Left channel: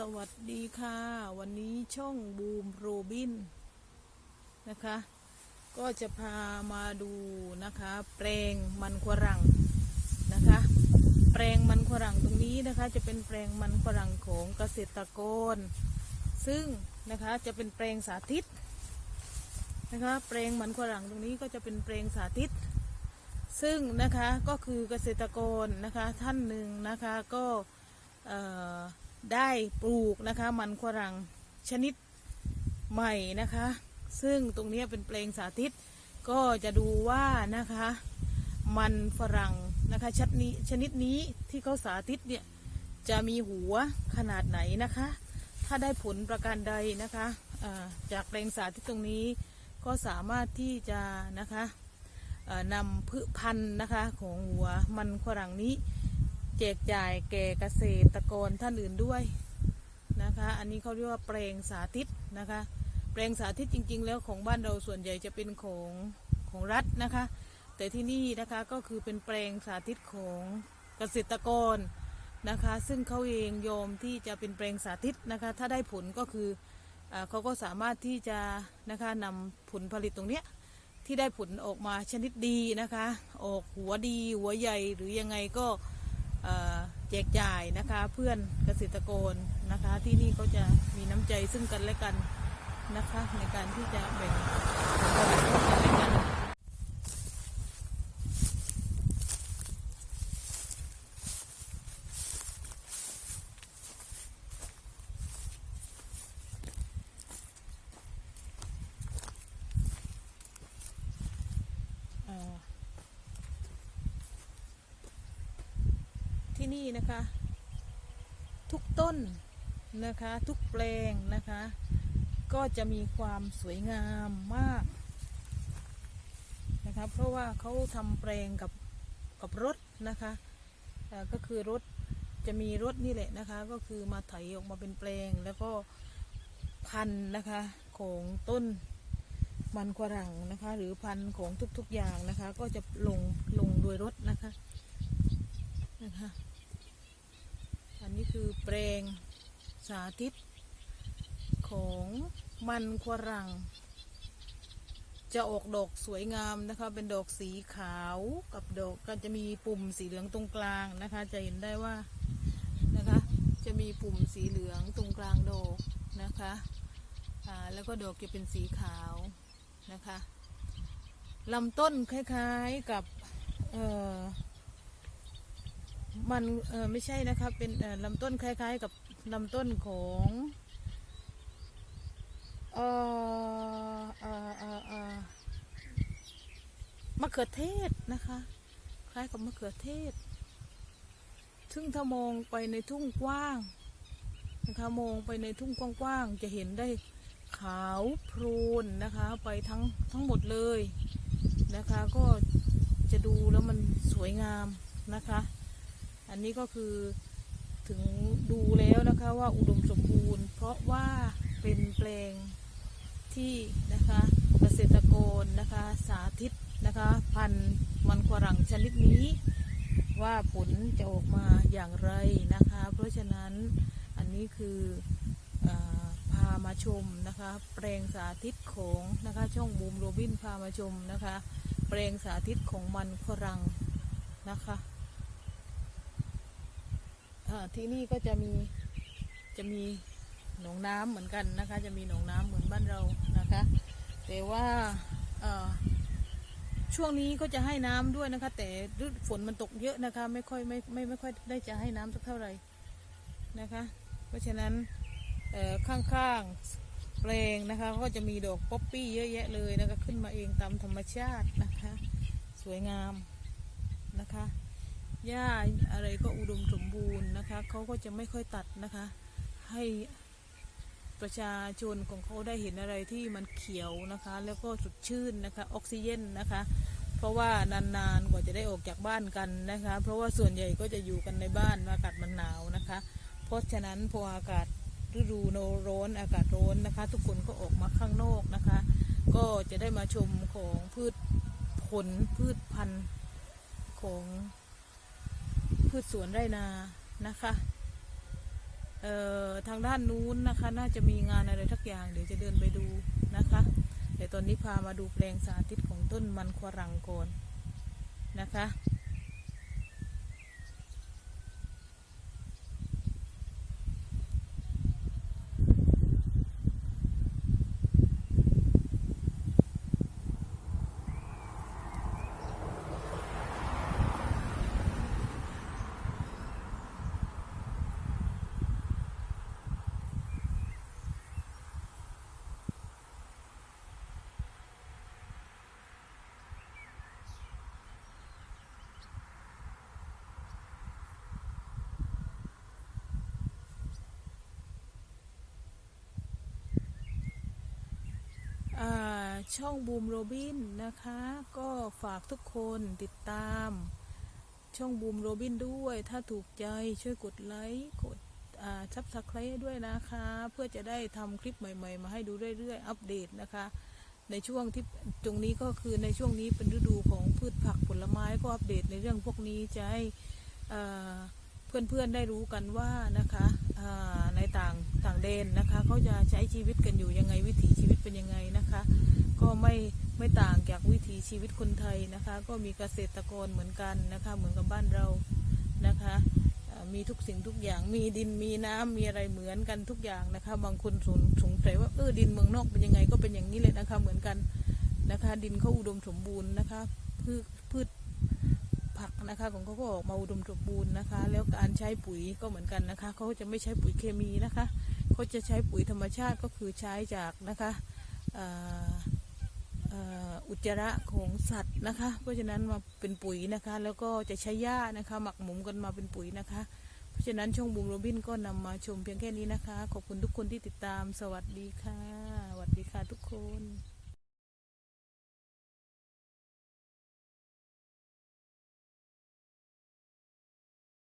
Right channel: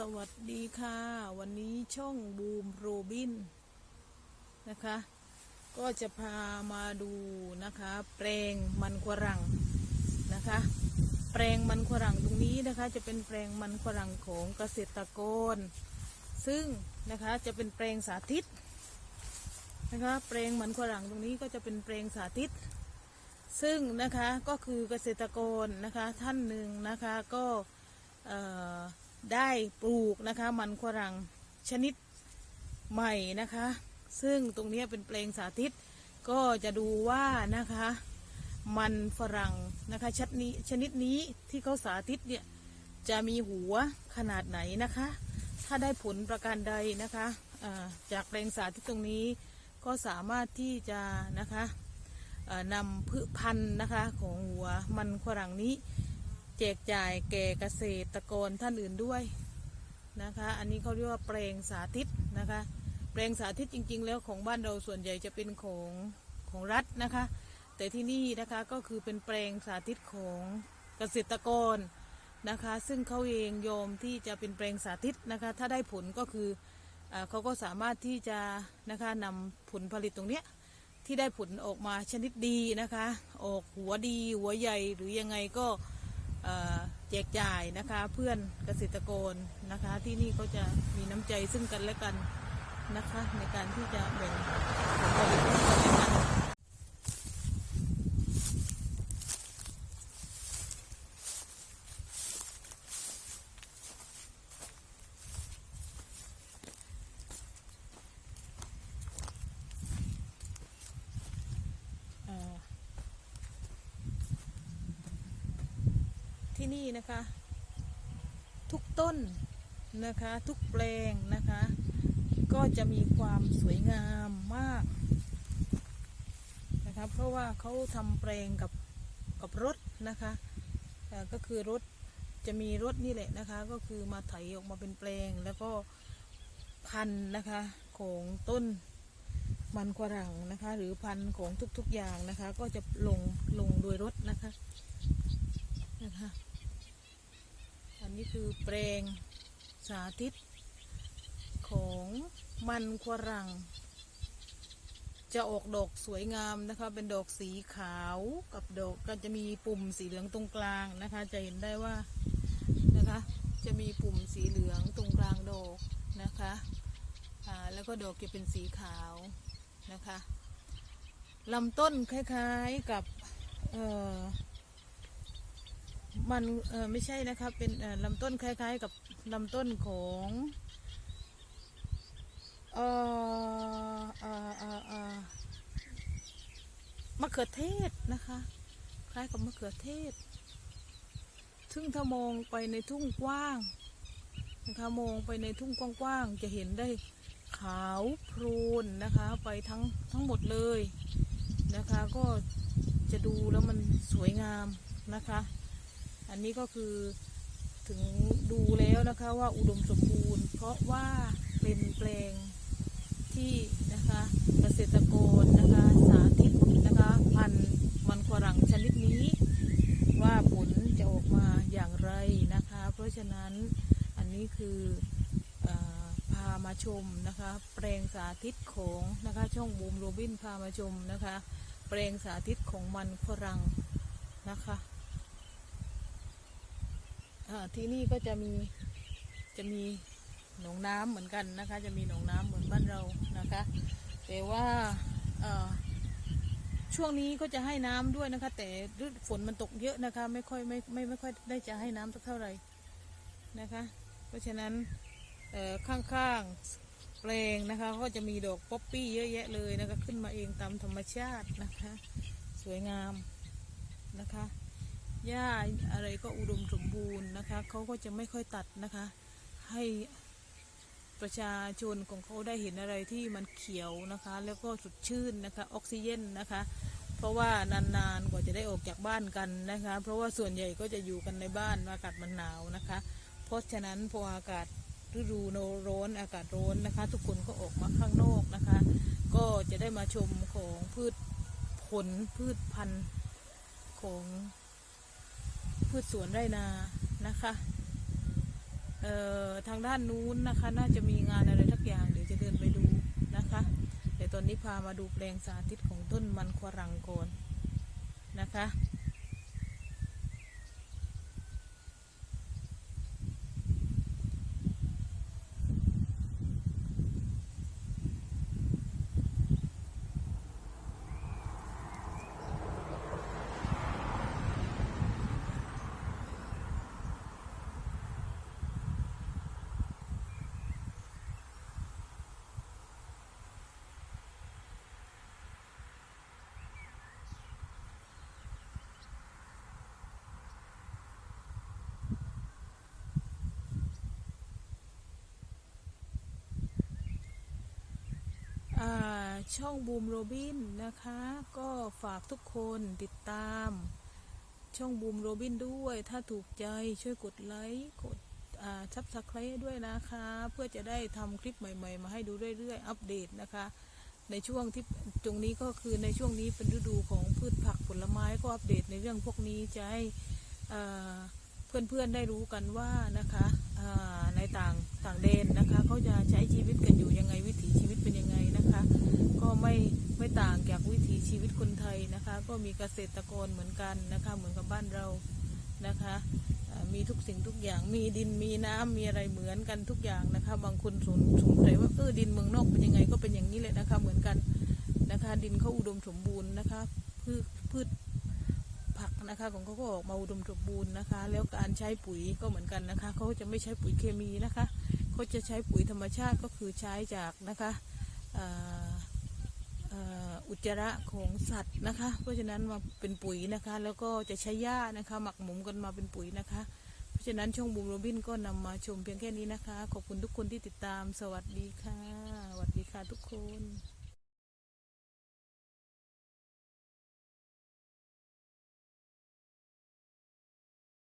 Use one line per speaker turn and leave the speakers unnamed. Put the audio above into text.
สวัสดีค่ะ วันนี้ช่องบูมโรบินนะคะ ก็จะพามาดูนะคะ แปลงมันฝรั่งนะคะ แปลงมันฝรั่งตรงนี้นะคะ จะเป็นแปลงมันฝรั่งของเกษตรกร ซึ่งนะคะจะเป็นแปลงสาธิตนะคะแปลงมันฝรั่งตรงนี้ก็จะเป็นแปลงสาธิต ซึ่งนะคะก็คือเกษตรกรนะคะท่านหนึ่งนะคะก็เอ่อ ได้ปลูกนะคะ มันฝรั่งชนิดใหม่นะคะ ซึ่งตรงนี้เป็นแปลงสาธิต ก็จะดูว่านะคะ มันฝรั่งนะคะชนิดนี้ชนิดนี้ที่เขาสาธิตเนี่ยจะมีหัวขนาดไหนนะคะ ถ้าได้ผลประการใดนะคะจากแปลงสาธิตตรงนี้ ก็สามารถที่จะนะคะนำพืชพันธุ์นะคะของหัวมันฝรั่งนี้ แจกจ่ายแก่เกษตรกรท่านอื่นด้วยนะคะ อันนี้เขาเรียกว่าแปลงสาธิตนะคะ แปลงสาธิตจริง ๆ แล้วของบ้านเราส่วนใหญ่จะเป็นของของรัฐนะคะ แต่ที่นี่นะคะก็คือเป็นแปลงสาธิตของเกษตรกรนะคะ ซึ่งเขาเองยอมที่จะเป็นแปลงสาธิตนะคะ ถ้าได้ผลก็คืออเขาก็สามารถที่จะนะคะนำผลผลิตตรงเนี้ยที่ได้ผลออกมาชนิดดีนะคะ ออกหัวดีหัวใหญ่หรือยังไงก็ แจกจ่ายนะคะเพื่อนเกษตรกรนะคะ ที่นี่ก็จะมีน้ำใจซึ่งกันและกันนะคะ ในการที่จะแบ่งผลผลิตให้กันและกัน ที่นี่นะคะ ทุกต้นนะคะทุกแปลงนะคะ ก็จะมีความสวยงามมากนะคะเพราะว่าเขาทำแปลงกับกับรถนะคะก็คือรถจะมีรถนี่แหละนะคะ ก็คือมาไถออกมาเป็นแปลงแล้วก็พันนะคะของต้นมันฝรั่งนะคะ หรือพันของทุกๆอย่างนะคะ ก็จะลงลงโดยรถนะคะนะคะ อั นนี้คือแปลงสาธิตของมันฝรั่งจะออกดอกสวยงามนะคะ เป็นดอกสีขาวกับดอกก็จะมีปุ่มสีเหลืองตรงกลางนะคะ จะเห็นได้ว่านะคะ จะมีปุ่มสีเหลืองตรงกลางดอกนะคะอ่าแล้วก็ดอกจะเป็นสีขาวนะคะลำต้นคล้ายๆกับเอ่อ มันเออไม่ใช่นะคะเป็นเออลำต้นคล้าย ๆ กับลำต้นของเออเออเออเออมะเขือเทศนะคะ คล้ายกับมะเขือเทศ ซึ่งถ้ามองไปในทุ่งกว้างนะคะมองไปในทุ่งกว้างๆจะเห็นได้ขาวโพลนนะคะ ไปทั้งทั้งหมดเลยนะคะ ก็จะดูแล้วมันสวยงามนะคะ อันนี้ก็คือถึงดูแล้วนะคะว่าอุดมสมบูรณ์ เพราะว่าเป็นแปลงที่นะคะเกษตรกรนะคะสาธิตนะคะพันธุ์มันฝรั่งชนิดนี้ ว่าผลจะออกมาอย่างไรนะคะ เพราะฉะนั้นอันนี้คืออพามาชมนะคะแปลงสาธิตของนะคะช่องบูมโรบินพามาชมนะคะแปลงสาธิตของมันฝรั่งนะคะ ที่นี่ก็จะมีจะมีหนองน้ำเหมือนกันนะคะ จะมีหนองน้ำเหมือนบ้านเรานะคะ แต่ว่าช่วงนี้ก็จะให้น้ำด้วยนะคะ แต่ฝนมันตกเยอะนะคะ ไม่ค่อยไม่ไม่ไม่ค่อยได้จะให้น้ำสักเท่าไหร่นะคะ เพราะฉะนั้นข้างๆแปลงนะคะก็จะมีดอกป๊อปปี้เยอะแยะเลยนะคะ ขึ้นมาเองตามธรรมชาตินะคะ สวยงามนะคะหญ้าอะไรก็อุดมสม บูรณ์นะคะเขาก็จะไม่ค่อยตัดนะคะ ให้ประชาชนของเขาได้เห็นอะไรที่มันเขียวนะคะ แล้วก็สดชื่นนะคะออกซิเจนนะคะ เพราะว่านานๆกว่าจะได้ออกจากบ้านกันนะคะ เพราะว่าส่วนใหญ่ก็จะอยู่กันในบ้านอากาศมันหนาวนะคะ เพราะฉะนั้นพออากาศฤดูโนร้อนอากาศร้อนนะคะ ทุกคนก็ออกมาข้างนอกนะคะ ก็จะได้มาชมของพืชผลพืชพันธุ์ของ พืชสวนไรนานะคะเอ่อทางด้านนู้นนะคะ น่าจะมีงานอะไรทักอย่างเดี๋ยวจะเดินไปดูนะคะแต่ตอนนี้พามาดูแปลงสาธิตของต้นมันควรังก่อนนะคะ อ่า ช่องบูมโรบินนะคะ ก็ฝากทุกคนติดตาม ช่องบูมโรบินด้วย ถ้าถูกใจช่วยกดไลค์กดซับสไครต์ด้วยนะคะ เพื่อจะได้ทำคลิปใหม่ ๆ มาให้ดูเรื่อยๆ อัปเดตนะคะ ในช่วงที่ตรงนี้ก็คือในช่วงนี้เป็นฤดูของพืชผักผลไม้ก็อัปเดตในเรื่องพวกนี้จะให้เพื่อนๆได้รู้กันว่านะคะในต่างต่างแดนนะคะเขาจะใช้ชีวิตกันอยู่ยังไงวิถีชีวิตเป็นยังไงนะคะ ก็ไม่ไม่ต่างจากวิถีชีวิตคนไทยนะคะ ก็มีเกษตรกรเหมือนกันนะคะ เหมือนกับบ้านเรานะคะมีทุกสิ่งทุกอย่างมีดินมีน้ำมีอะไรเหมือนกันทุกอย่างนะคะ บางคนสงสงสัยว่าเออดินเมืองนอกเป็นยังไงก็เป็นอย่างนี้เลยนะคะ เหมือนกันนะคะ ดินเขาอุดมสมบูรณ์นะคะพืชพืชผักนะคะของเขาก็ออกมาอุดมสมบูรณ์นะคะ แล้วการใช้ปุ๋ยก็เหมือนกันนะคะเขาจะไม่ใช้ปุ๋ยเคมีนะคะเขาจะใช้ปุ๋ยธรรมชาติก็คือใช้จากนะคะ อุจจาระของสัตว์นะคะ เพราะฉะนั้นมาเป็นปุ๋ยนะคะ แล้วก็จะใช้หญ้านะคะ หมักหมมกันมาเป็นปุ๋ยนะคะ เพราะฉะนั้นช่องบูมโรบินก็นำมาชมเพียงแค่นี้นะคะ ขอบคุณทุกคนที่ติดตาม สวัสดีค่ะ สวัสดีค่ะทุกคน